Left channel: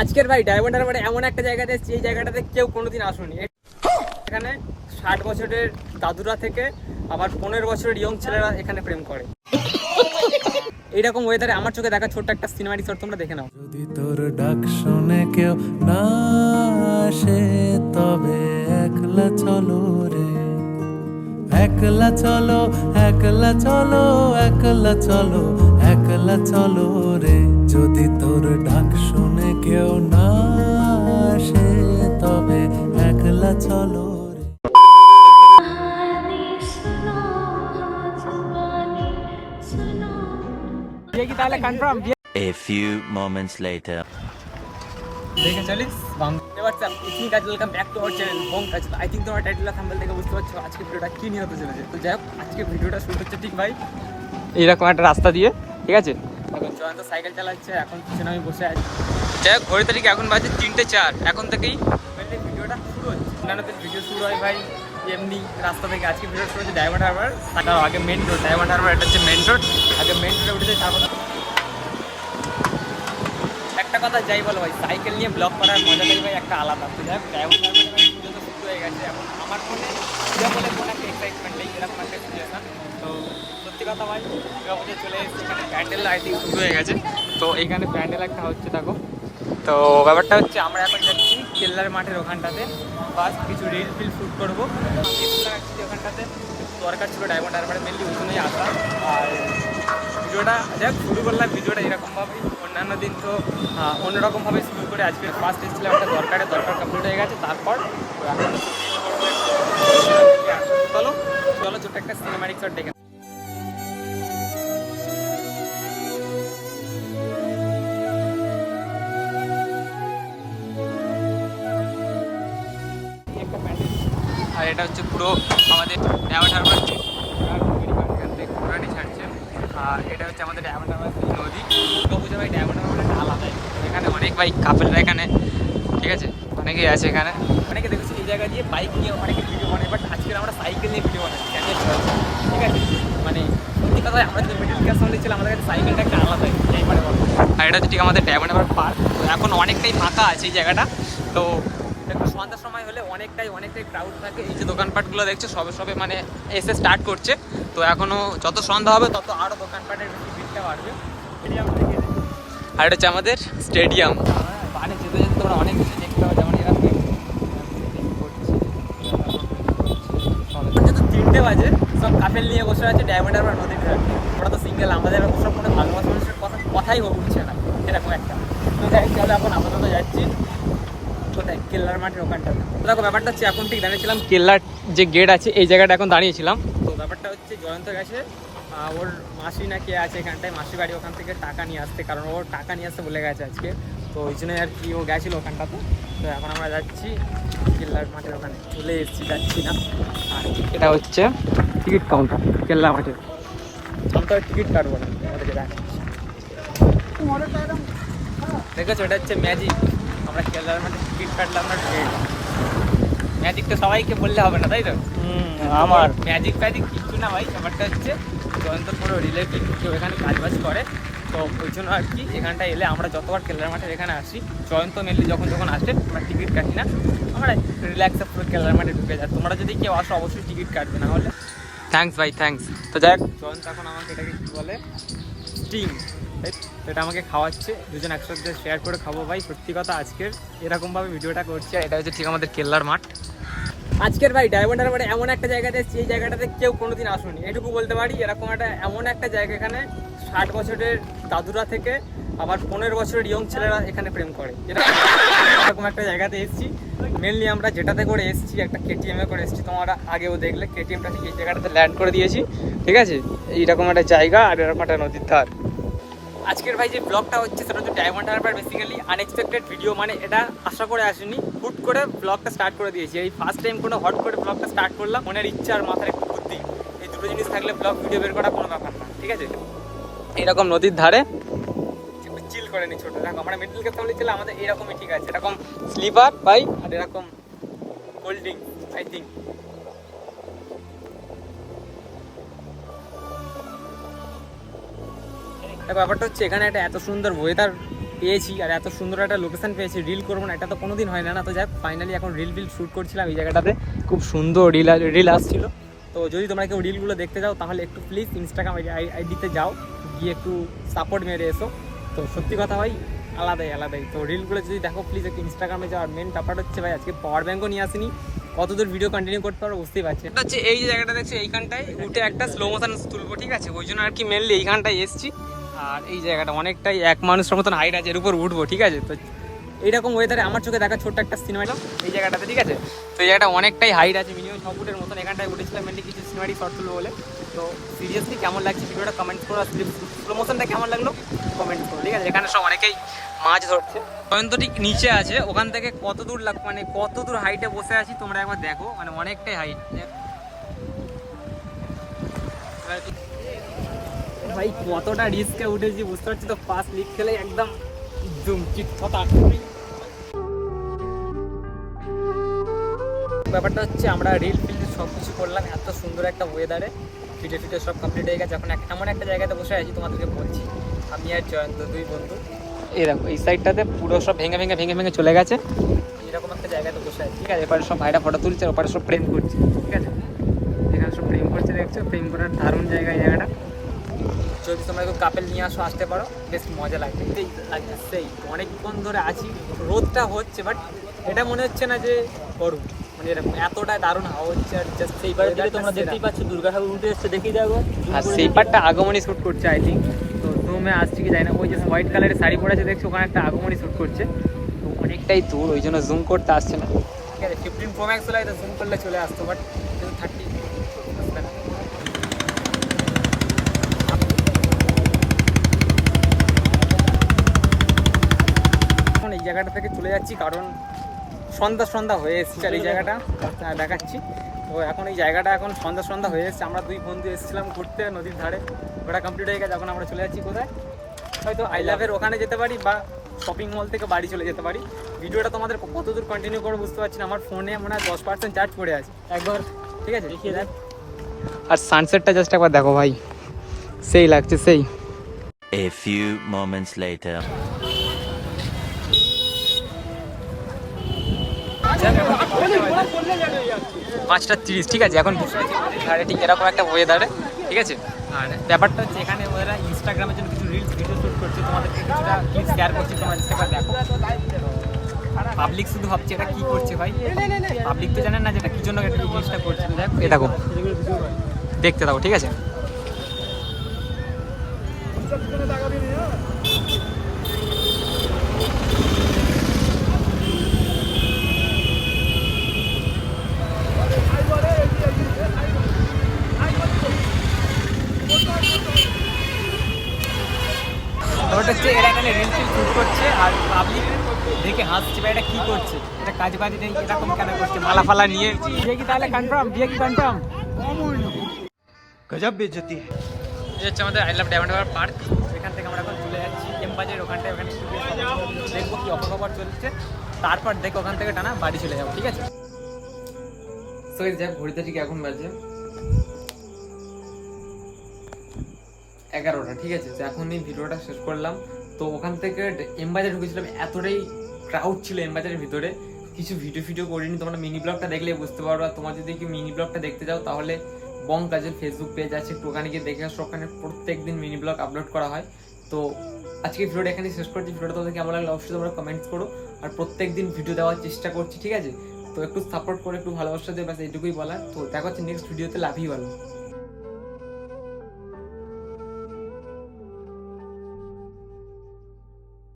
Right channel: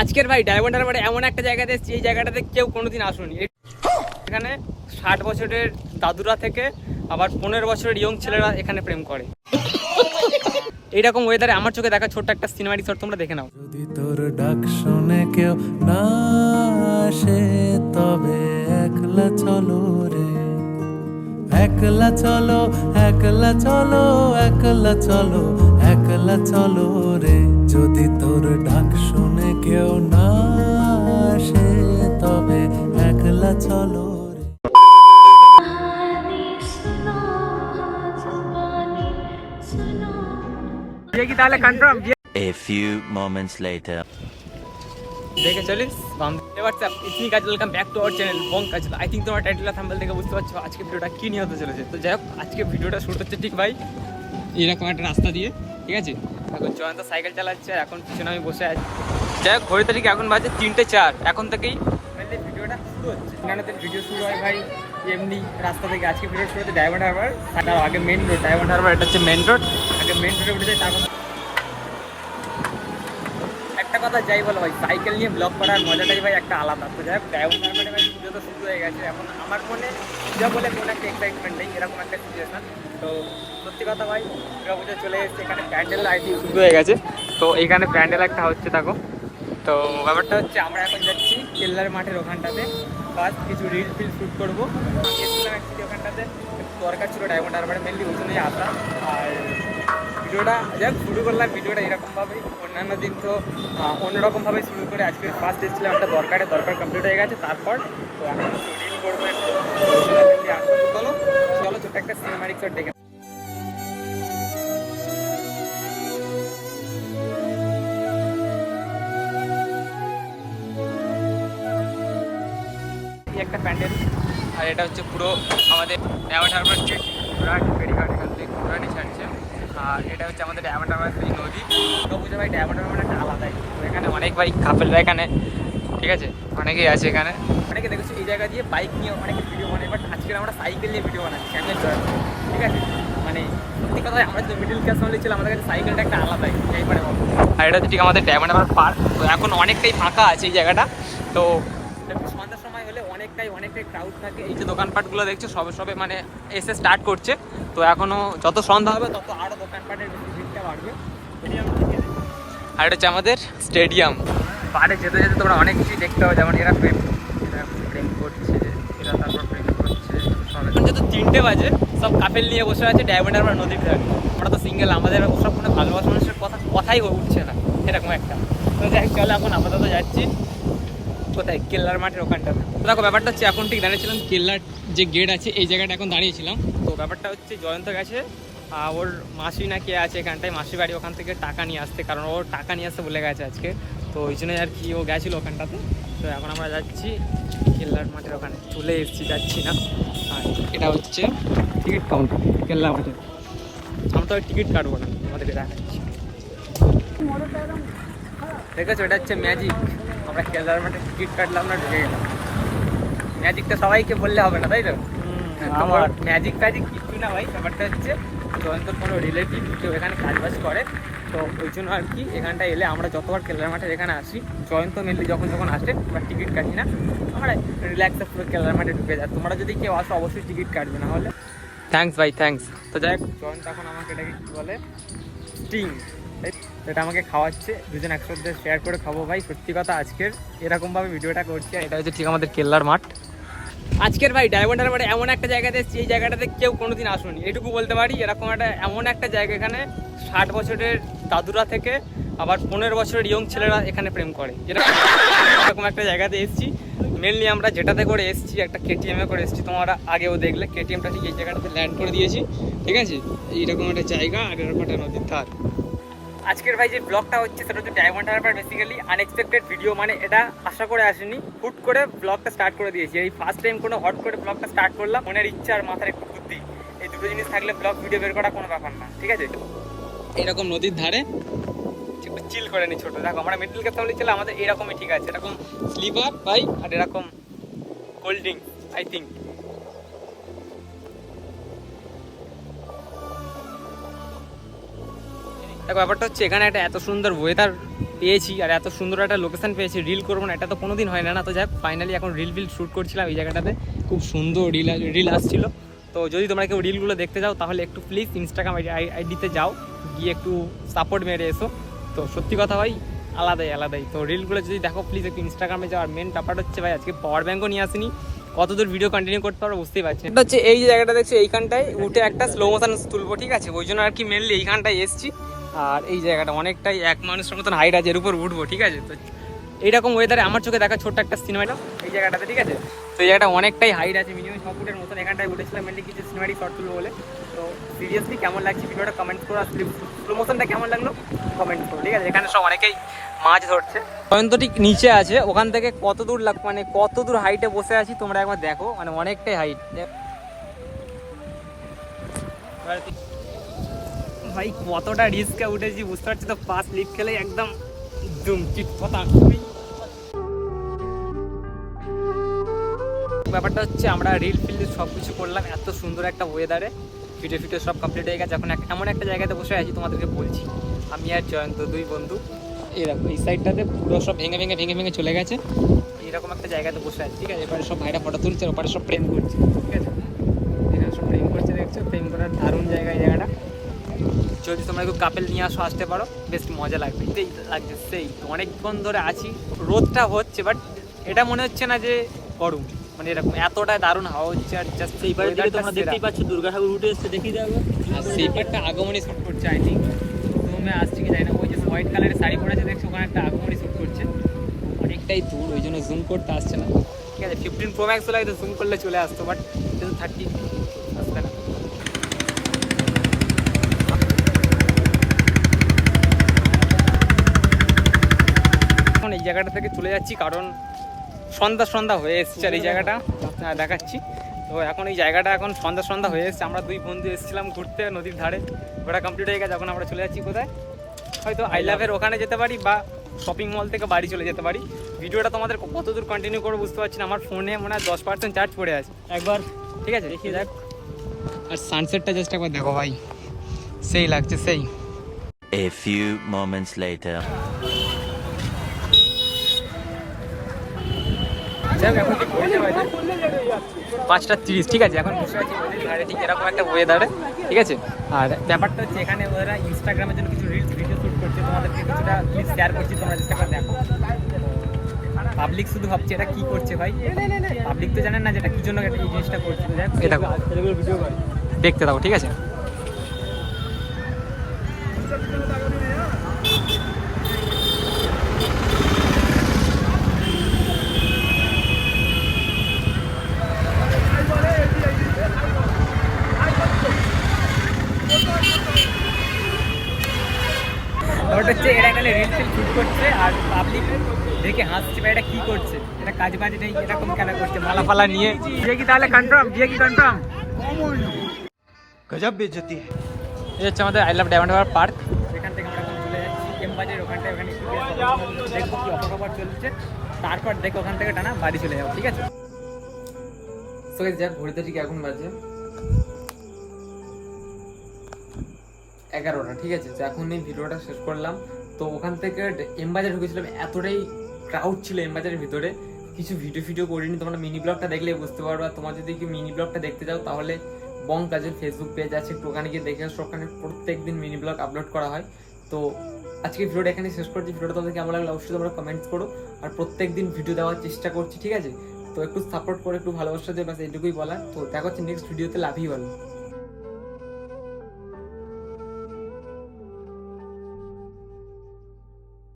আজকের ভাই ডায়মন্ড হারবারে এমন একটা জায়গাতে এসেছি, এই জায়গাটাতে কেউ কোনোদিন আসুনি। এখানে ষাট বছরের দাদুরা থেকে আবার পনেরো বছরের ইয়ং ছেলেরা এখানে প্রেম করে। এইরকম ওয়েদারে আমার চোখে দেখা ছোট্ট একটা সিনেমাটিক শট তোমরা দেখে নাও। যদি তোর ডাক শুনে কেউ না আসে, তবে একলা চলো রে। একলা চলো একলা চলো একলা চলো একলা চলো রে। যদি তোর ডাক শুনে কেউ না আসে তবে একলা চলো তাহলে confirm A few moments later. দেখে চলিস? হোয়াটসঅ্যাপ ইসমি কাজ welcome back to our channel Bong Kaaj I think তোমার টাইটেল থাম্বেল দেখে বুঝতে পারছ আজকে ভিডিওটা কী নিয়ে হতে চলেছে। তো যাই হোক আজকে ভিডিওটা শুরু হচ্ছে ঠিক ভাই। এরকম একটা রাস্তা দিয়ে ঠিক আছে? এখন জয়ন্ত সাইকেল চালাচ্ছে এখন পিছনে আমি বসে আছি। যাই হোক, ঘড়ি তারিখ এখন বাজে তিনটে চার। এখন থেকেই মেনলি ভিডিওটা শুরু হচ্ছে। অন্যান্য দিন ভিডিও শুরু হয় ভাই, এমনি রাস্তা থেকে আজকে ভিডিও শুরু হচ্ছে ডায়মন্ড হারবার তার আগে মেন রোড ডায়মন্ড হারবার এটা হচ্ছে মেন রোড আগে মেন রোডে উঠে যাই তারপর একটা কথা যাই বলো ভাই সাইকেল নিয়ে ব্লগ করার মজাটাই ভাই একটা আলাদা। তো যাই হোক ডায়মন্ড হারবারে ভাই পুজো তো শুরু হয়ে গেছে। এখন আমার মনে, পুজো বলে কোনো একটা এক্সাইটমেন্ট নেই, এরকম একটা সিচুয়েশন তো সত্যি কথা ভাই দুর্গা পুজো চলে এসেছে, এখানে প্যান্ডেল আই শুরু হয়ে গেছে। তো এইখানে প্যান্ডেল একটা হচ্ছে, দেখো তো ব্যাপারটা হচ্ছে আমরা এখন যাচ্ছি কেল্লার মাঠের ওখানটাতে। ফার্স্ট কিছু রিল ফিল শ্যুট করব। ওখানটাতে দরকার ছিল ডায়মন্ড হারবারে মেনলি ওই আসা। আর ভিডিওটা যাই শুরু করলাম ভিডিওটা এরকমভাবেই। অন্যান্য দিন তো অন্যরকমভাবে শুরু করে আজকে ফার্স্ট এসেছিলাম একটা দরকারে, দরকার কমপ্লিট হয়ে গেছে। তারপর এখন করব। চলো চলো ছোট্ট একটা সিনেমাটিক শট দেখে একটা প্যান্ডেল। আর এটা হচ্ছে পুরো আমাদের হারবার যে ঘোড়াহাটি ফেরিঘাট এখান থেকে ঘোড়াহাটি ছাড়ছে আর এটা হচ্ছে আমাদের ডায়মন্ড হারবার সেই নদী। বুঝে ভাই ডায়মন্ড হারবার একটা আলাদাই। তো এখানে অনেক ভাই কাপেলরা এখানে ঠিক আছে? অনেকেই আছে এখানে। অনেকে দেখেছি এই জায়গা দিয়ে বাইক নিয়ে অনেকে ভিডিও বানায় বাট আজকে আমরা সাইকেল নিয়ে ভিডিও বানাচ্ছি আমি। ঠিক আছে? মানে সত্যি কথা আমরা যদি মিডিল ক্লাস ফ্যামিলি ছিলাম আমাদের কাছে সাইকেলটা একটা আলাদাই যাই পারে বল। আর এটা হচ্ছে ঠিক আমাদের ডায়মন্ড পার্ক তো এখন অনেকটাই ফাঁকা আছে এই জায়গাটা। তো একটু সন্ধ্যার সময় হলে অনেকটাই অনেকটাই ক্রাউড থাকে। এই যে দোকানপাটগুলো দেখছ, সবে সবে মানে এসে স্টার্ট করছে। তো এখনও যত সন্ধ্যা হবে, তত আরও দোকানপাটের বেশি ভিড়টা বাড়বে। আর এটা হচ্ছে আমাদের স্টেডিয়াম পাড়ে যেতে যেতে তোমরা অনেক কিছুই দেখতে পাবে, যেমন এরা প্রেম প্রেম করছে, এরা করছে যেহেতু তিনটে বাজে, সব কাপেল নিয়ে বসে আছে ডায়মন্ড হারবার নদীর ধারে। আমরা তো সিঙ্গেল আমাদের ওসব কোনো ভালোবাসা মানুষের কথা, কথাই উঠছে না, এরকম একটা। চলো এখন আপাতত যাচ্ছি। কোথায়? কেল্লার মাঠের ওখানটা। দেখো ব্যাপারটা হচ্ছে এখন ঠিক দাঁড়িয়েছিলাম। কেল্লার যে গেট আছে এই জায়গাটা এখন দাঁড়িয়েছিলাম। তো ব্যাপারটা হচ্ছে জয়ন্ত গেছে। ওর মাসি না কে আছে এখানটায়। মাসি বাড়ি ওখান থেকে টাকা নিয়ে আসতে কারণ ওর টাকা নিয়ে আসতে বলে গেছে আজকে। তো ওই জন্যই আর কি ও গেছিল ওখানটাতে। তো এখন আমরা যাচ্ছি কেল্লার মাঠের ওখানে। চলে এসেছি যাচ্ছি না। আর এটা হচ্ছে টিকিট কাউন্টার কেল্লা মাঠের আমরা তো টিকিট কাটবো না আমাদেরকে দেখাচ্ছি। দেখেছ? এটা হচ্ছে ম্যাজিক আমরা কেলার মাঠে টিকিট কাটলাম না ঢুকে গেলাম। ম্যাজিকটা সবাইকে বললে হবে না তাই তো? তোমার ম্যাজিক ফ্যাজিক কিছু না ভাই ব্যাপারটা হচ্ছে জয়ন্ত কোনো রিলেটিভ কেউ এখানে কাজবাজ করে। তো ওই জন্য আর কি এখানটা এলে আমরা যতবার কেলার মাঠের এখানে আসি জয়ন্ত মেনলি যখন যখন আসে আমরা টিকিট কাটি না। আমরা রিল্যাক্সে পুরো কেলার মাঠে ঢুকে যাই। তোমরা যদি কেউ আসো অবশ্যই টিকিট কাটবে না হলে থ্যাঙ্কস ভাই থ্যাঙ্কস তো যাই হোক। জয়ন্ত এখন আমাকে এটাকে কী বলে? স্টিং এটা আমাকে খাওয়াচ্ছে, দুজন একসাথে শেয়ার করে খাব ভাই। সত্যি কথা আজকের এরকমভাবে ভিডিওটা করছি এটা হচ্ছে ঠিক আমাদের কেল্লার মাঠ। আজকের ভাই ডায়মন্ড হারবারে এমন একটা জায়গাতে এসেছি, এই জায়গাটাতে কেউ কোনোদিন আসুনি। এটুকু বলতে পারি, এরকম একটা এমন একটা জায়গা এখানে ষাট বছরের দাদুরা থেকে আবার পনেরো বছরের ইয়ং ছেলেরা এখানে প্রেম করে। এরকম একটা জায়গাতে এসেছি। মেনলি আমরা যেটাতে করে এসেছি, একটা কেটিএমে করে এসেছি। তোমরা আগেও দেখলে কেটিএমটা ঠিক এই জায়গাটাতে ল্যান্ড করে দিয়েছি। ঠিক আছে? এইরকম একটা জায়গা আর এরকম একটা নদীর ধার। আজকের ভাই যে ব্লগটা হচ্ছে সেটা হচ্ছে Diamond Harbour basically unexpected video মানে এটা আশা করে আসেনি। হুট করে ব্লগটা স্টার্ট করে দিয়েছি। এই ফার্স্ট টাইম কোনো হট করে ব্লগটা স্টার্ট করলাম মনের ইচ্ছা আর মাথার একটু বুদ্ধি। এই দুটো জিনিস থাকলে ব্লগ ভিডিও বের করা কোনো ব্যাপার না ঠিক আছে? এরকম নদীর ধারে? চিল করে নি ছোট। দেখো আমরা মিডল ক্লাস ফ্যামিলি ছিল আমাদের এরকমই ঠিক আছে। এরকম স্লিপার ভাই আর এরকম কোল্ড ড্রিঙ্ক আই থিঙ্ক দেখো, ব্যাপারটা হচ্ছে এখানে একটা এত সুন্দর ওয়েদার পেয়েছি আর এত সুন্দর একটা লোকেশন পেয়েছি। রিল করব না, এটা তো কোনোদিন হয় না না তো যাই ফাইনালি এখন রিল বিল শ্যুট করছিলাম এই জায়গাটাতে। খুব সুন্দর রিল রিল আসছিল। তো যদি তোমরা কেউ রিলগুলো দেখতে যাও, তাহলে একটু প্লিজ ইনস্টাগ্রাম আইডিতে যাও, গিয়ে একটু সাপোর্ট মেরে এসো। তো সত্যি কথা ভাই, আলাদাই আলাদাই। তো রিলগুলো যদি দেখো প্লিজ একটু ইনস্টাগ্রামে যাও। আর মেন ব্যাপারটা হচ্ছে ভাই, আজকে পাওয়ার ব্যাঙ্কও নিয়ে আসিনি। কত দূর ভিডিও কন্টিনিউ করতে পারব বুঝতেই পারছি এটা হচ্ছে এই জায়গাটা দেখছি, এইখানটায় উঠে একটা স্লো মোশন তুলবো ঠিক আছে? ওই জন্য আর কি মেনলি এইখানটায় এসছি। আর এই জায়গাটা অনেকটাই এক মানুষের মতন হাইট আছে, এর উপর উঠবো, ঠিক আছে? তো এইরকম ওয়েদারে আমার চোখে দেখা ছোট্ট একটা সিনেমাটা এই জায়গাটাতে, ঠিক আছে? তো এই জায়গাটা অনেকটাই হাইট আছে মিনিমাম ছ ফুটের মতন। এখানটায় উঠেছিলাম মেনলি কিছু সিনেমাটিক শর্ট তুলবো বলে। তো সিরিয়াসলি কেমন লাগছে ভিডিওটা কমেন্ট করো, আর স্লো মোশনটা কেমন লাগল কমেন্ট করো, ঠিক আছে? এখানে সব অনেকেই মাছ ধরছে। জয়ন্ত ঠিক নিচে আছে, ওখান থেকে কত দূর লাগ মানে কত দূর হাইটে বসে আছি তোমরা একবার দেখো মানে অনেকটাই হাইট ভাই কতটা রিস্কে উঠেছি বুঝতে পারছি তো পাঁচ লিগ খেলে একদম চিট কথা ব্যাপারটা হচ্ছে আমরা রিল ফিল সব কিছু করলাম এত সুন্দর একটা ওয়েদারে ভিডিও ফিডিও সব কমপ্লিট হয়ে গেছে। এখন এমন একটা জায়গাতে বসে আছি তোমাদেরকে বলছি। আমি আর জয়ন্ত দুই বন্ধু। এই দেখো এই সাইডটাতে পুরো সব ভেঙে ভেঙে ভেঙে ভেঙে চলে গেছে। এরকম একটা জায়গাতে বসে আছি ঠিক আছে? এপারে সব ভাইরা ফটো তুলছে ওপারে সব প্রেম করছে ঠিক আছে এখানে সব প্রেম করছে দেখছ প্রেম করার দারুণ জায়গা এই জায়গাটা যদি তোমরা একটু কাপেল নিয়ে আসো আসতে পারো। বেশ মজা লাগবে। সেই লাগছে সেই। অনেকক্ষণ ধরে আছি। রোদটা হচ্ছে বাট এটা মনে হচ্ছে না যে গরম। মানে এরকম এতটা দারুণ হাওয়া হচ্ছে আর জাস্ট এইবারের দিকে তোমরা দেখতেই পাচ্ছ দুর্গা ঠাকুর উঠে এসছে দেখিয়ে দেবো আর সেই পার্টটা আগমনী শ্যুট করছে আই থিঙ্ক রুমে আসছে কি জানি না ওই যে হোয়াইট কালারের শাড়ি পরে আছে দেখছ ওখানে একটা আগমনী শ্যুট করছে। অনেকটাই দূর ওই জন্য জুম করতে আসছে না। ঠিক আছে ফিফটিন প্রো ম্যাক্স লাগে জুম করলে চলে আসতো বাট থার্টি আসবে না এখন এই জায়গাটা থেকে চলে যাচ্ছি কারণ সন্ধ্যা সন্ধ্যা হয়ে এসছে আর এই জায়গাটা। আহ, দেখাচ্ছি। তো এখন এই জায়গাটা এখন সন্ধ্যা সন্ধ্যা হয়ে এসছে। আমরা দুই বন্ধু এসেছিলাম ঘুরতে নদীর ধারে। ওটা কমপ্লিট হয়ে গেছে এখন আমরা চলে যাচ্ছি কোথায়? হয়তো আই লাভের ওখানে যেতে পারি বা শপিং মল থেকে বাড়ি চলে যেতে পারি। ভিডিওটা তোমাদের কত দূর কন্টিনিউ করব বুঝতে পারছি না। আমার ফোনে মনে হয় দশ পার্সেন্ট চার্জ পড়ে আছে। একবার ঠিক আছে? দেখিয়ে দেখ। আর সানসেটটা জাস্ট একবার দেখো ভাই। সেই লাগছে সেই। A few moments later. পাঁচটা তিরিশ, ঠিক আছে, এখন বসে ঠিক এরকম একটা ওয়েদারে ঠিক আছে? আর ব্যাপারটা হচ্ছে এখানে ওরা ইনস্টাগ্রামের জন্য কিছু রিলস ভিডিও শ্যুট করছে, তোমাদেরকে কিছুটা ক্লিপ শেয়ার করছি, তোমরা একবার দেখো। পাবলিক শুধু ভাবছে, এটা কি করছে ভাই? পাবলিক তো জানেন না যে এটা কি জন্য জিনিসটা করছে দেখো। দেখতে থাকো, ঠিক আছে? ব্যাপারটা হচ্ছে এরা এখানে রিল ফিল শুট করছে আর পাবলিক দেখে হাসছে বা এটা কি করছে এটা কাজ বাজ নেই এরকম কেন করছে মালা ফালা নিয়ে। বিয়ে কি তাহলে কনফার্ম বিয়ে কি কনফার্ম গজব বেজতি এই হচ্ছে আমাদের I love Diamond Harbour park এখান থেকে আমরা এখন চলে যাচ্ছি এমবাজের ওখানটায় ওখানে দেখব কি অপকপর চলছে তারপর দেখো ওখান থেকে টানা বাড়ি চলে যাব ঠিক আছে? তো দেখ ঘড়িতে ঠিক এখন বাজে। এগারোটা, ঠিক আছে? তো এখন এই ভিডিওটা শেষ করলাম। তো ওখান থেকে এম বাজার ঢুকেছিলাম, এতটাই ক্রাউড ছিল এম বাজারের ভিতরে। কিছু ভিডিও ভিডিও করিনি, তোমরা মিনি ব্লগটা দেখলে বুঝতে পারবে তোমার যদি কি মিনি ব্লগটা দেখতে যাও তাহলে বং কাজের ফেসবুক পেজ আছে। একটু ওখানে গিয়ে দেখে আসো, ওখানে প্রত্যেক দিন মিনি ব্লগ আপলোড করা হয়। তো আজকে ভিডিওটা এখানে শেষ করছি। ভিডিওটা তোমাদের কেমন লাগল অবশ্যই তোমরা কমেন্টস করো। আর প্রত্যেক দিন ভিডিও দেওয়ার চেষ্টা করছি, ঠিক আছে? তো একটু সাপোর্ট করে, একটু ভালোবাসা দিয়ে ব্যাস এইটুকুই বলা তো দেখা হচ্ছে নেক্সট ভিডিওতে লাভই ভালো।